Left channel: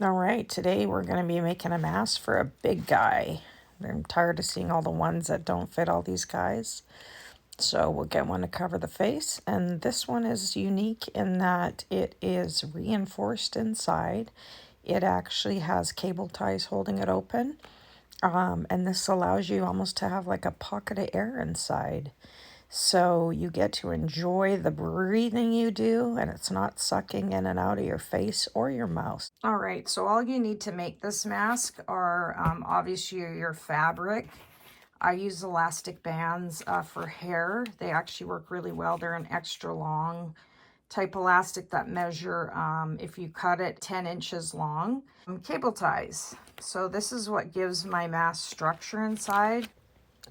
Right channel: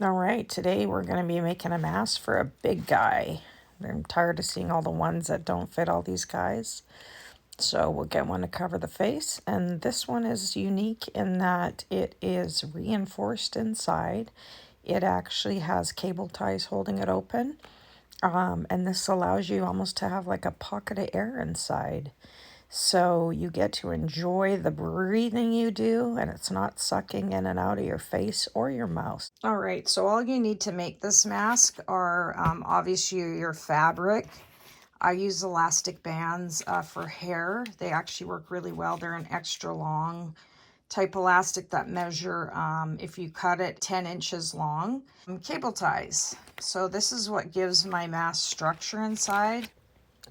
All right, today we're going to be making a mask for a big guy. I'm tired of seeing all the ones that don't fit all these guys. So we'll get one to cover the face. And this one is unique in that it is reinforced inside. It actually has cable ties holding it open. And this allows you almost to have like a pocket of air inside. So you get to enjoy the breathing you do, and it's not sucking in and out of your face or your mouth. All right, so all you need to make this mask are obviously your fabric. I use elastic bands for hair. They actually work really well. They're an extra long type elastic that measure, if you cut it, 10 inches long. Cable ties. So this is what gives my mask structure inside.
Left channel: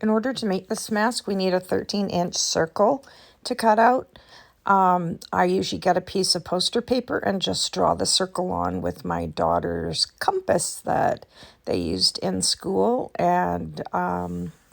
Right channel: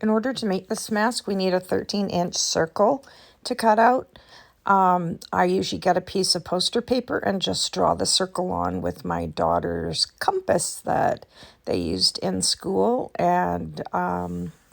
In order to make this mask, we need a 13-inch circle to cut out. I usually get a piece of poster paper and just draw the circle on with my daughter's compass that they used in school, and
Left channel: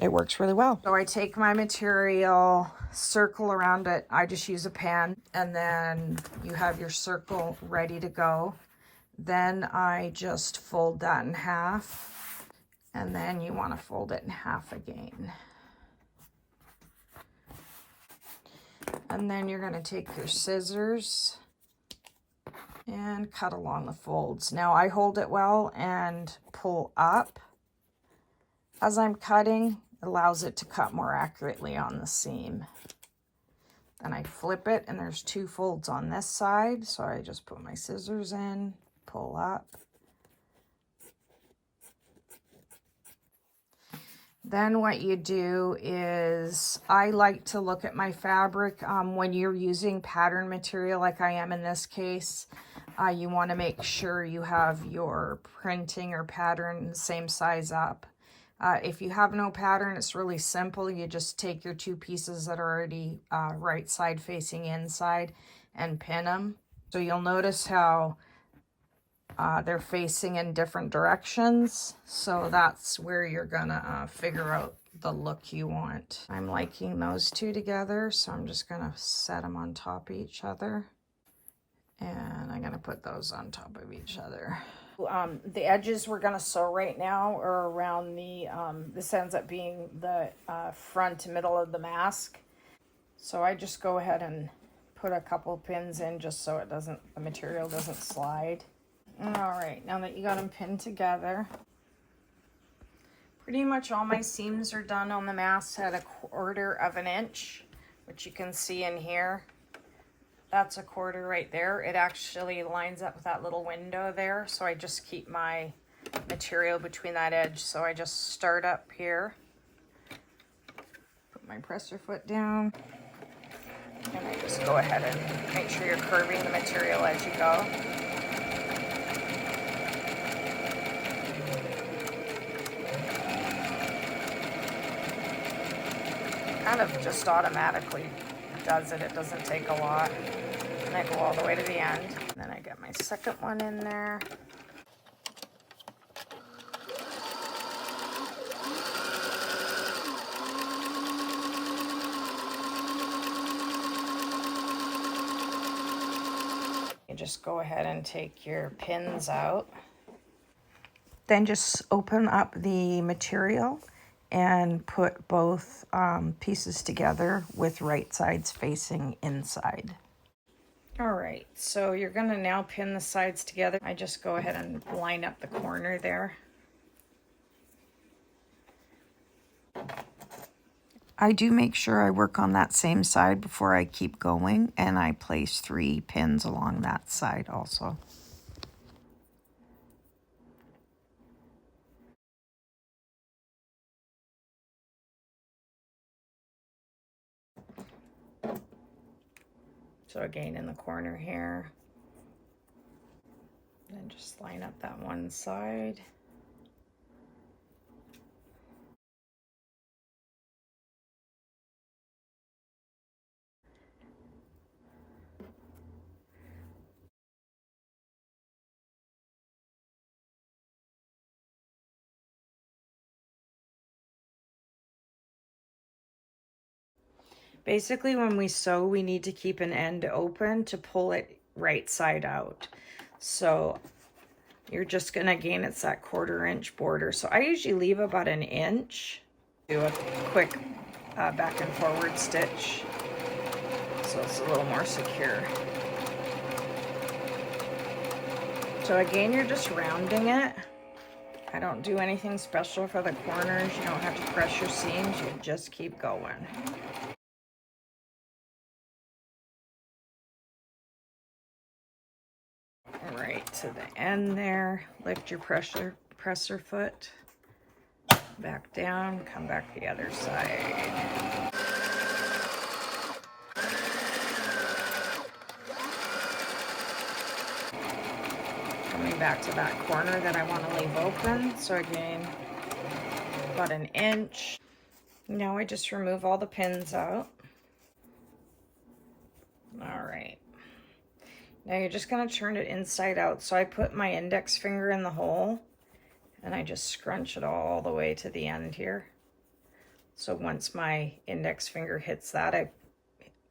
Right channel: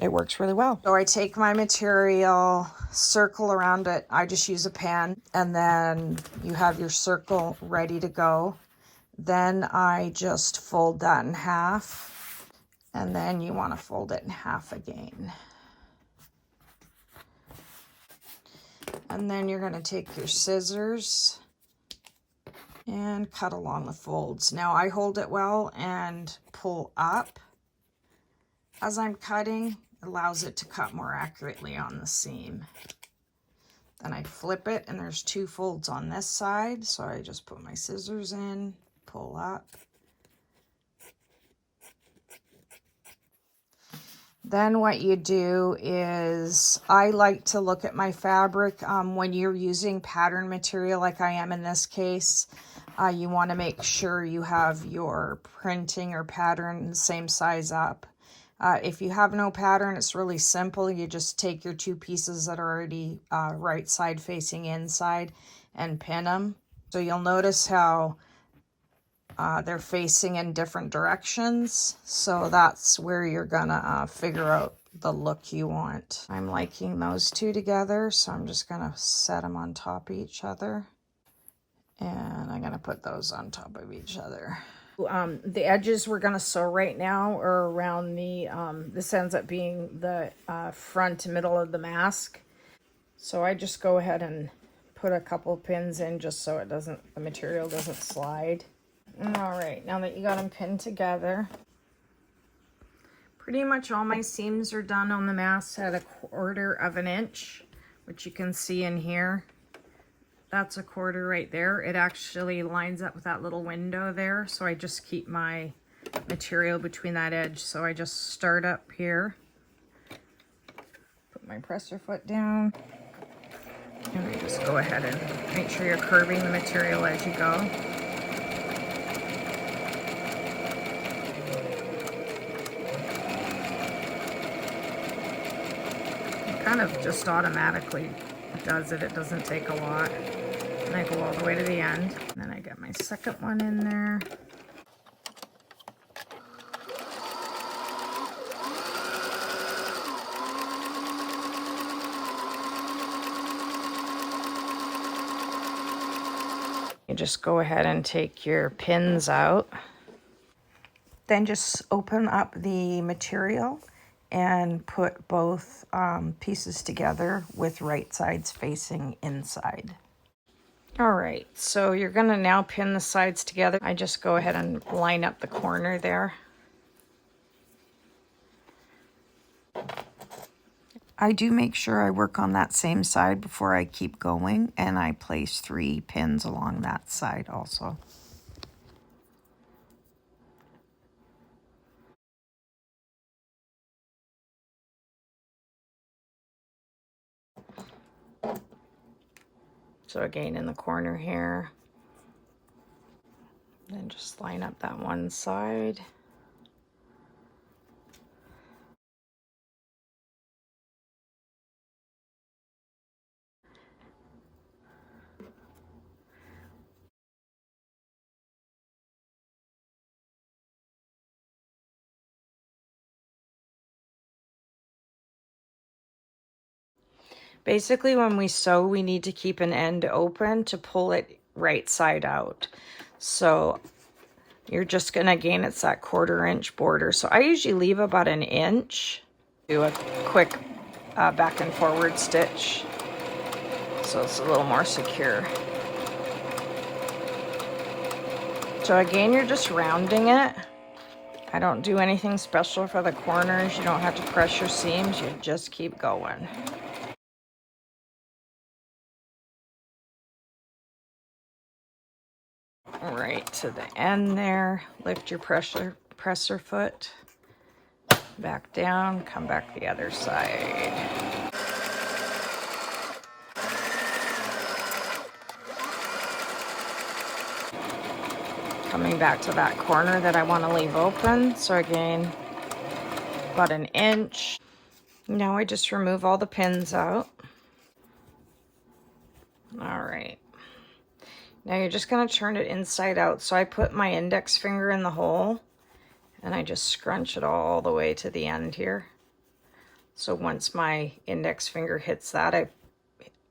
it works really well. So I take my material, circle around it. I just use a pen, and then you have your circle ready to go. Then I just fold that in half. And then you want to fold it in half again. And then you're going to take your scissors and cut along the folds. Now I hold it well and pull up as I'm cutting. It allows it to cut more accurately on the seam. Then I flip it, and there's 2 folds on this side. So I just put my scissors in, pull up. Then what you do is, I like to look at my fabric. When you're using pattern material like I am in this case, you want to make sure you have your printing or pattern the same size up. If you have no pattern, it's really simple. You just take your 2 pieces that are already right side facing inside and pin them. So you'll notice how they're facing in different directions, so that's where you're gonna figure out the look you want. I'm liking those 2 together, so I'm just gonna set them on top of each other, and I'm gonna put those on top of each other. The edges we're gonna sew right now are around the, this ends up being the front middle of the mask. So I just go ahead and put a couple pins in just so it doesn't, the material doesn't slide. All right, now that you got them pinned together, pretty much all my seams are done on the mask at 1/4 inch, which you can see in here. That's 1/4 right there. It actually lines up with that little window there, so I just keep my material between that edge. So I just start up here, put my presser foot down, and I just go ahead and make sure you're curving the material as you go. Kind of just automatically does it. It doesn't take a lot. And I go all the way to the end. And then I get my second one in there. You just go ahead and take your pins out. Then just open up the material and put both pieces together with right sides facing inside. All right, so you're gonna now pin the sides together. I just go ahead and line up the corner there. I do make sure I work on that same side before I keep going, and I place 3 pins along that side also. So again, in the corner here, then just line up that one side. Basically, when we sew, we need to keep an end open to pull it right side out. So You're just gonna, again, it's that 1/4 inch border. So I usually leave about an inch. Do a quick back and forward stitch so it's a little more secure. So again, you're just rounding it. I don't do anything special for the corners. You don't have to press your seams. You just keep going. Right to the end there. Lift your presser foot. Back down. Come back the other side. Coming back to that corner that I want to leave open. So again, about an inch. Now I just remove all the pins out. All right. Now you're just going to turn it inside out. So I put my index finger in the hole and I just scrunch it all the way to the end here. So once my index finger hits that,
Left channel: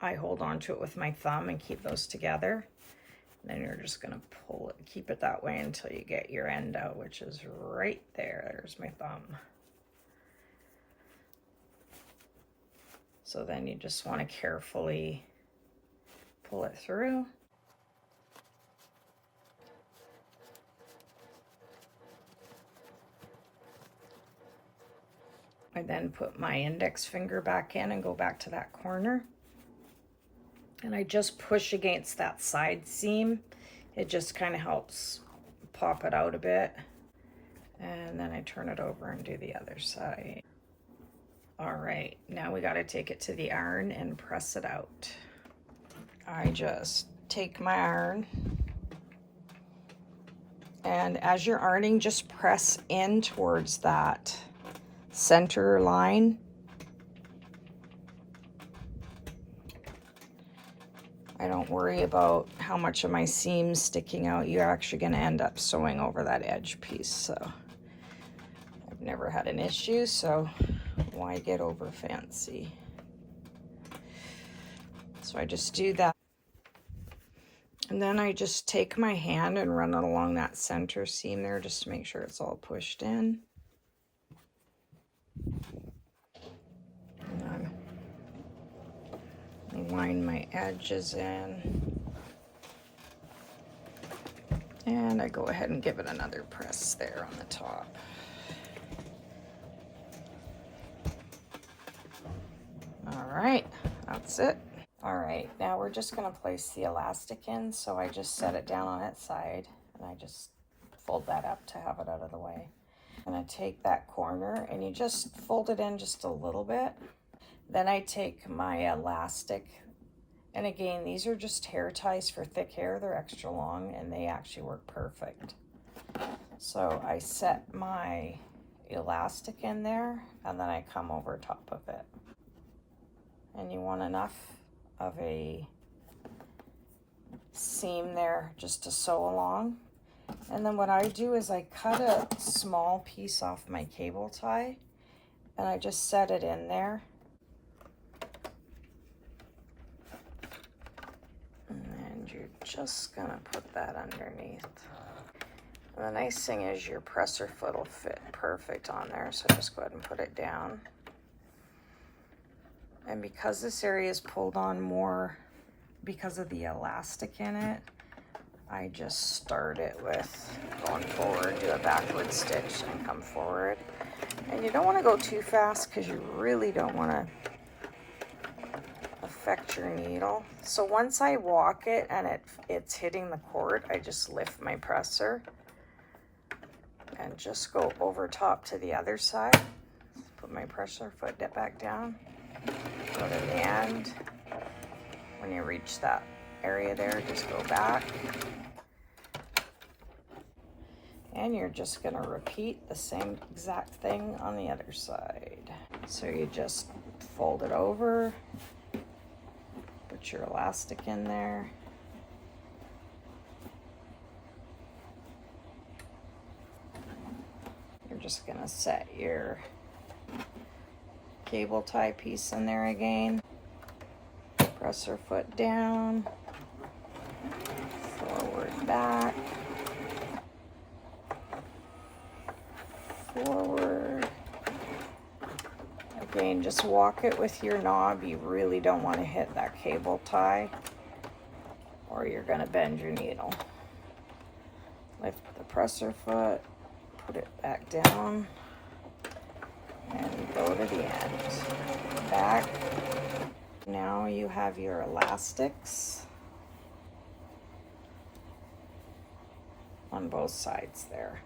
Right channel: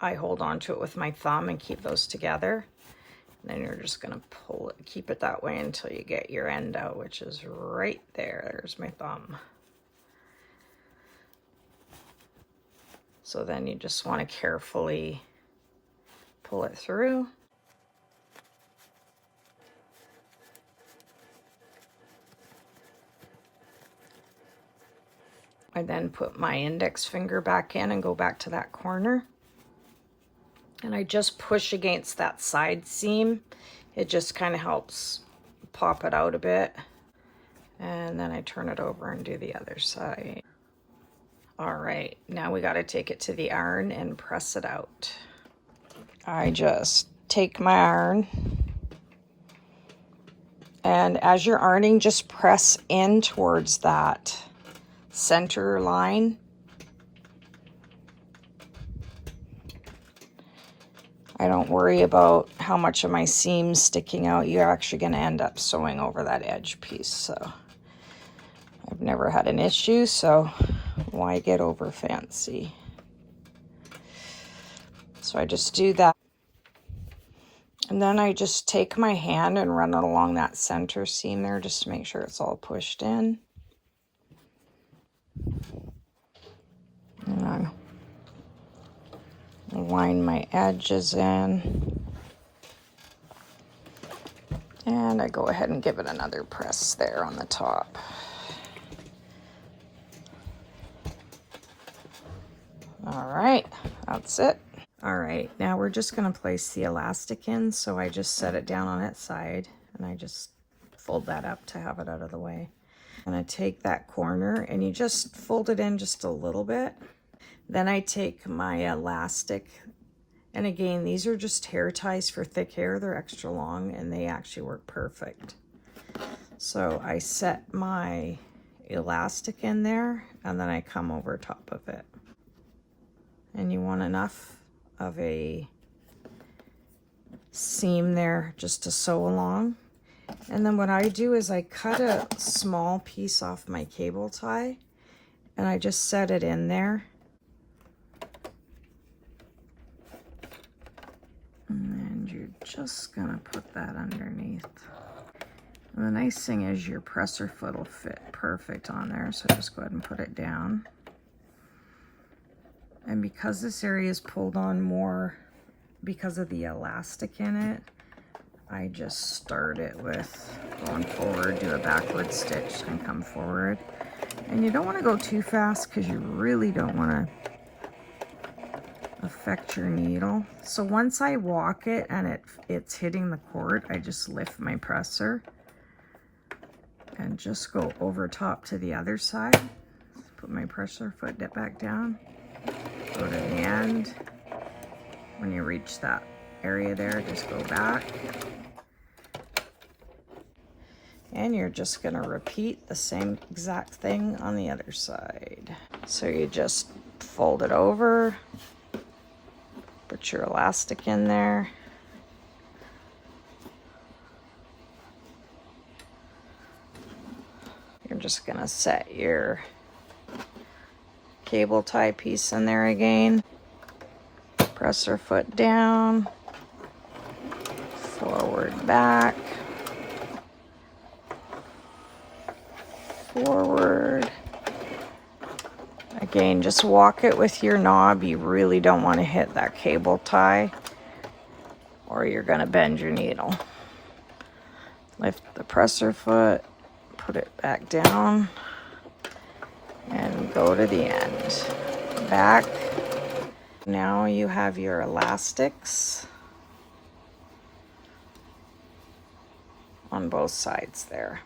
I hold on to it with my thumb and keep those together. Then you're just going to pull it, keep it that way until you get your end out, which is right there. There's my thumb. So then you just want to carefully pull it through. I then put my index finger back in and go back to that corner. And I just push against that side seam. It just kind of helps pop it out a bit. And then I turn it over and do the other side. All right, now we got to take it to the iron and press it out. I just take my iron, and as you're ironing, just press in towards that center line. I don't worry about how much of my seam's sticking out. You're actually going to end up sewing over that edge piece. So I've never had an issue, so why get over fancy? So I just do that. And then I just take my hand and run it along that center seam there just to make sure it's all pushed in. And then line my edges in. And I go ahead and give it another press there on the top. All right, that's it. All right, now we're just going to place the elastic in. So I just set it down on its side and I just fold that up to have it out of the way. And I take that corner and you just fold it in just a little bit. Then I take my elastic, and again, these are just hair ties for thick hair. They're extra long and they actually work perfect. So I set my elastic in there and then I come over top of it. And you want enough of a seam there just to sew along. And then what I do is I cut a small piece off my cable tie and I just set it in there. And then you're just gonna put that underneath. And the nice thing is your presser foot will fit perfect on there, so just go ahead and put it down. And because this area is pulled on more because of the elastic in it, I just start it with going forward, do a backward stitch and come forward. And you don't want to go too fast because you really don't want to affect your needle. So once I walk it and it's hitting the cord, I just lift my presser and just go over top to the other side. Put my presser foot back down, go to the end. When you reach that area there, just go back. And you're just going to repeat the same exact thing on the other side. So you just fold it over, put your elastic in there. You're just going to set your cable tie piece in there again. Presser foot down, forward, back. forward. Again, just walk it with your knob. You really don't want to hit that cable tie or you're going to bend your needle. Lift the presser foot, put it back down, and go to the end. Back. Now you have your elastics on both sides there.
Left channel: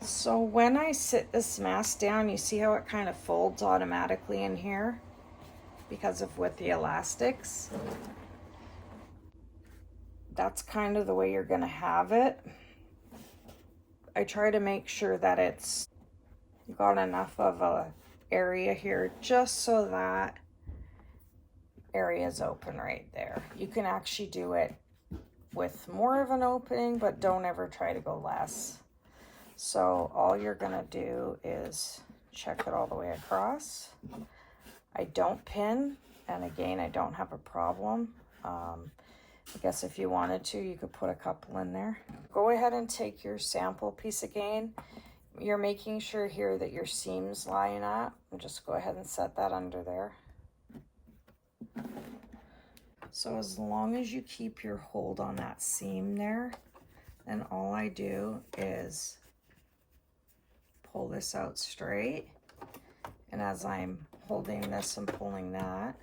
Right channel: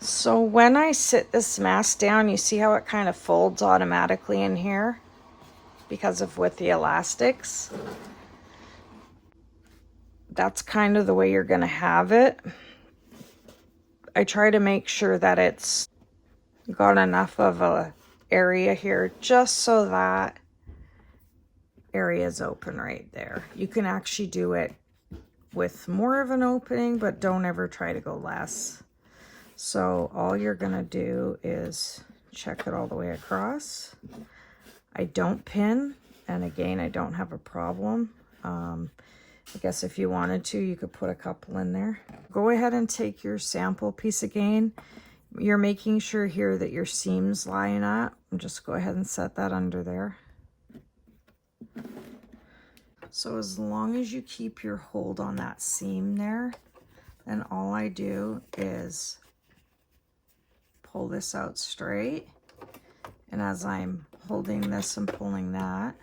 So when I sit this mask down, you see how it kind of folds automatically in here because of with the elastics. That's kind of the way you're going to have it. I try to make sure that it's got enough of a area here just so that area is open right there. You can actually do it with more of an opening, but don't ever try to go less. So all you're gonna do is check it all the way across. I don't pin, and again, I don't have a problem. I guess if you wanted to, you could put a couple in there. Go ahead and take your sample piece again. You're making sure here that your seams line up. And just go ahead and set that under there. So as long as you keep your hold on that seam there, then all I do is pull this out straight. And as I'm holding this and pulling that,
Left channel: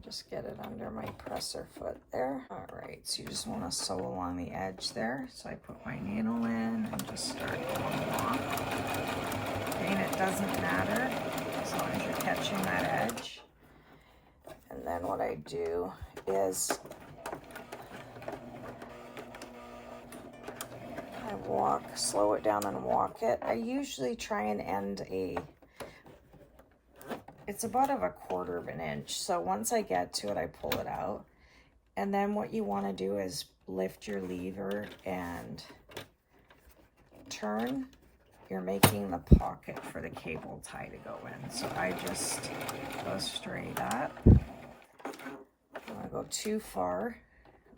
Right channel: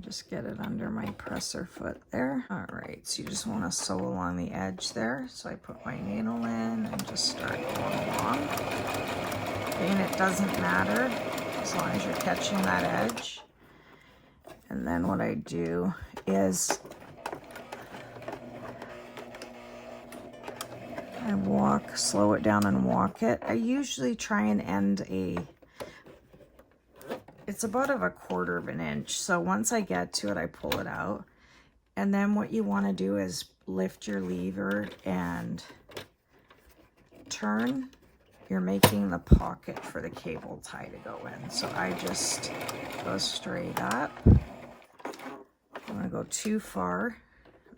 just get it under my presser foot there. All right, so you just want to sew along the edge there. So I put my needle in and just start going along. And it doesn't matter as long as you're catching that edge. And then what I do is I slow it down and walk it. I usually try and end it's about of 1/4 of an inch. So once I get to it, I pull it out. And then what you want to do is lift your lever and turn. You're making the pocket for the cable tie to go in. So I just go straight up. I'm going to go too far.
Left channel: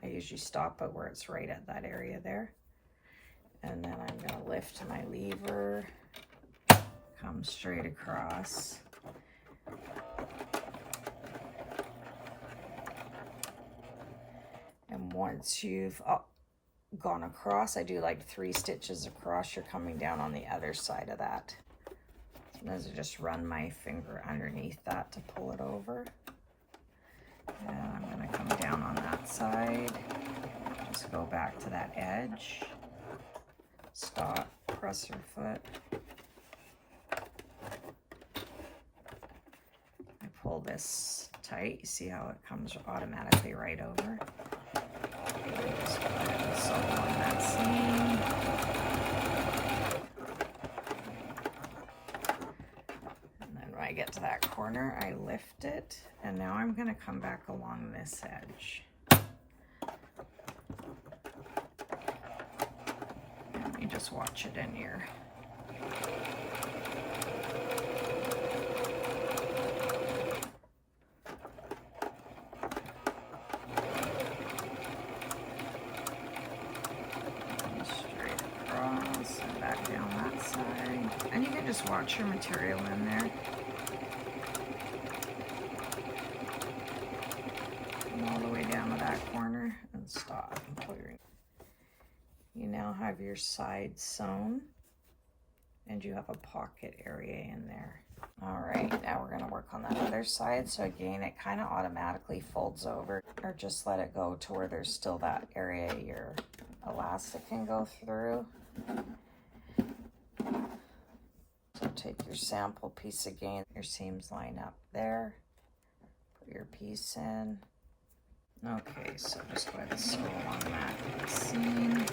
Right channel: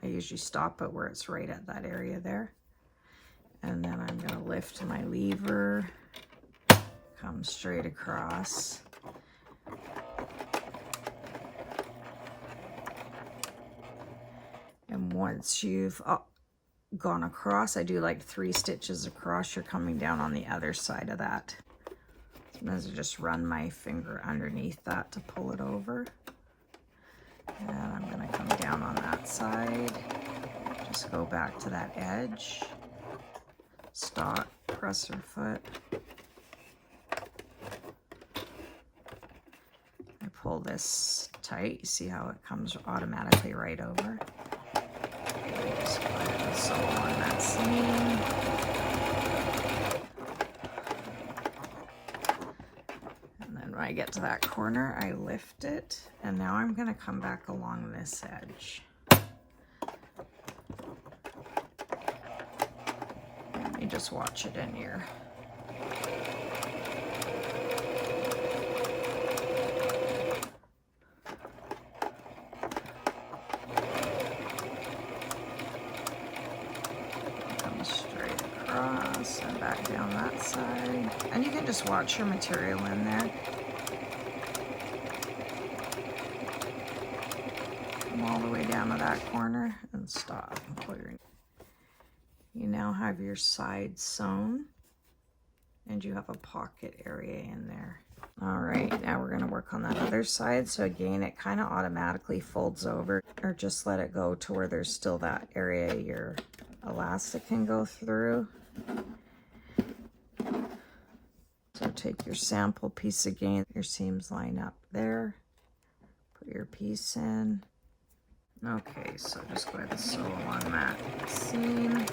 I usually stop it where it's right at that area there. And then I'm going to lift my lever, come straight across. And once you've gone across, I do like 3 stitches across. You're coming down on the other side of that. Sometimes I just run my finger underneath that to pull it over. And I'm going to come down on that side. Just go back to that edge. Stop, presser foot. I pull this tight. You see how it comes automatically right over. Just put it and sew on that seam. And then when I get to that corner, I lift it. And now I'm going to come back along this edge. And you just watch it in here. And back down that side. And you can just watch your material in there. Come all the way down to that corner and stop. You now have your side sewn and you have a pocket area in there. All right, now we're going to work on that other side. So again, it kind of automatically folds over, or just let it go to where there's still that area your elastic can go through. So take your sample piece again, your seams line up there, put your piece in. Okay, so just go ahead and sew on that seam.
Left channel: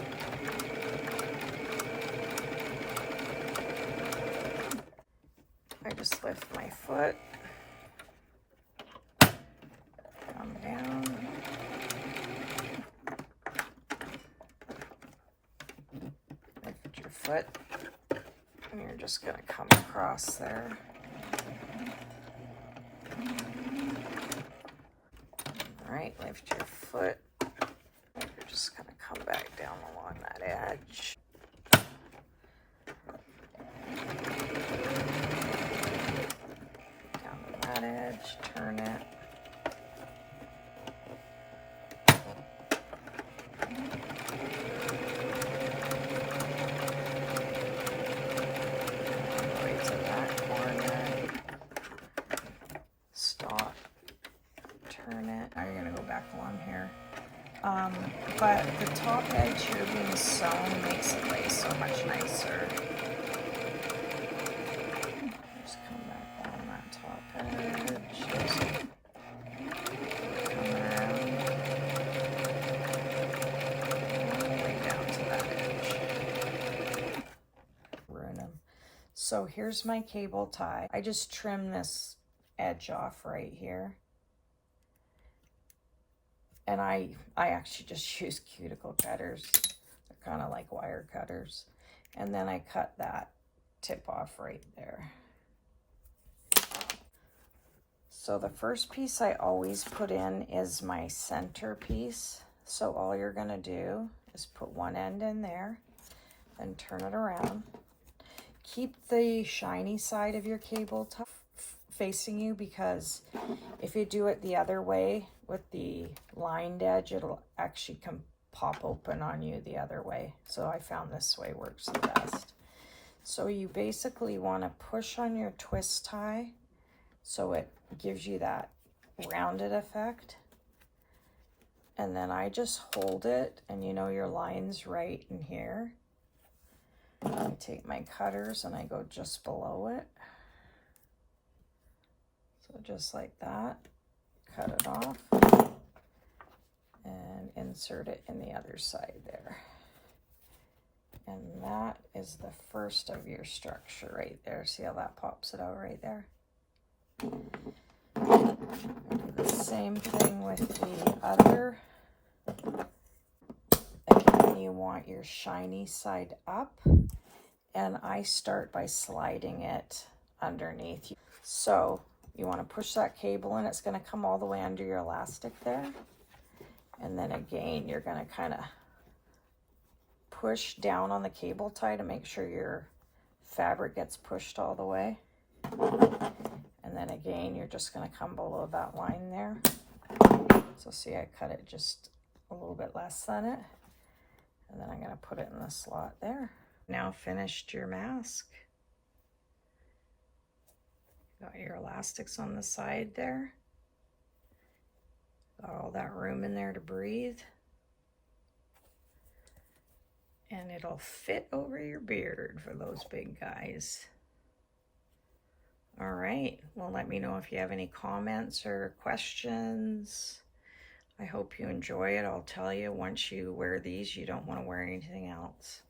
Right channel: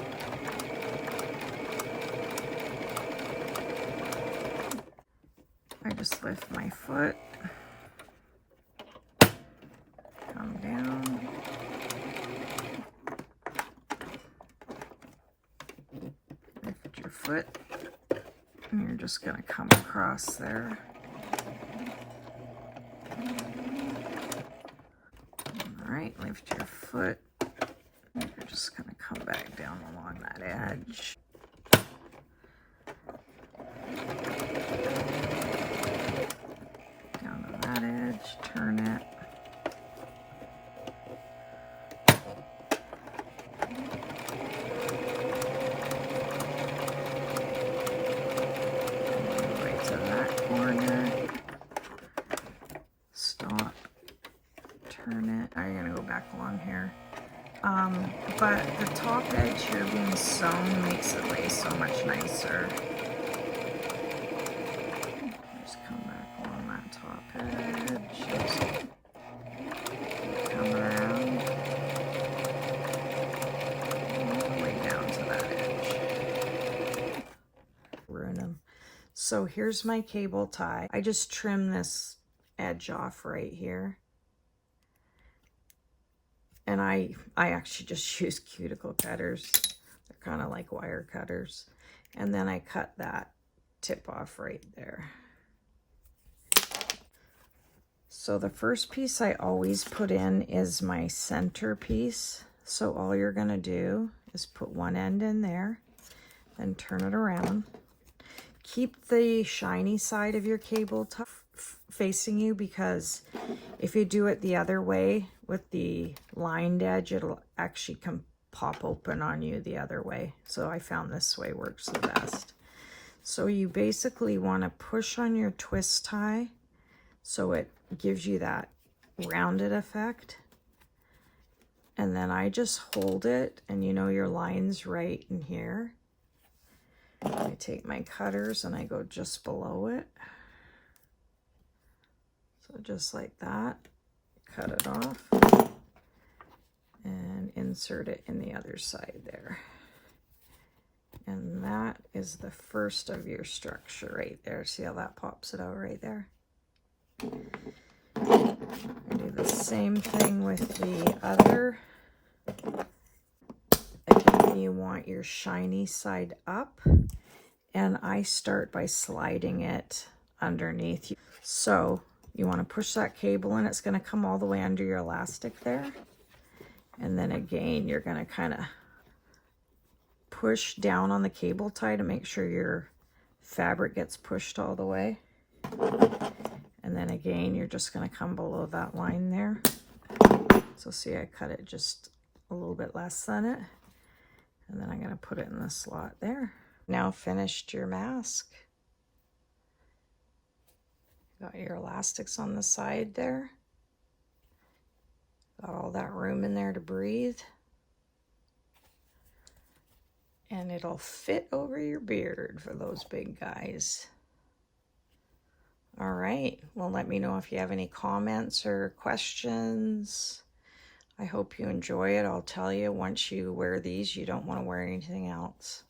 I just lift my foot, come down, lift your foot, and you're just going to come across there. Alright, lift your foot, you're just going to come back down along that edge. So here's my cable tie. I just trim this edge off right here. And I actually just use cuticle cutters. They're kind of like wire cutters. And then I cut that tip off right there. So the first piece I always put in is my center piece. So all you're gonna do is put one end in there and turn it around. Keep the shiny side of your cable tie facing you, because if you do it the other way with the lined edge, it'll actually pop open on you the other way. So I found this way works the best. So you basically want to push on your twist tie so it gives you that rounded effect. And then I just hold it, and you know your line's right in here. I take my cutters and I go just below it. So just like that, cut it off and insert it in the other side there. And that is the first of your structure right there. See how that pops it out right there? Do the same thing with the other. Again, you want your shiny side up, and I start by sliding it underneath you. So you want to push that cable in. It's going to come all the way under your elastic there. And then again, you're going to kind of push down on the cable tie to make sure your fabric gets pushed all the way. And then again, you're just going to come below that line there. So see, I cut it just a little bit less than it. And then I'm going to put it in the slot there. Now finished your mask. Got your elastics on the side there. Got all that room in there to breathe. And it'll fit over your beard for those big guys. All right, well, let me know if you have any comments or questions. I hope you enjoy it. I'll tell you, once you wear these, you don't want to wear anything else.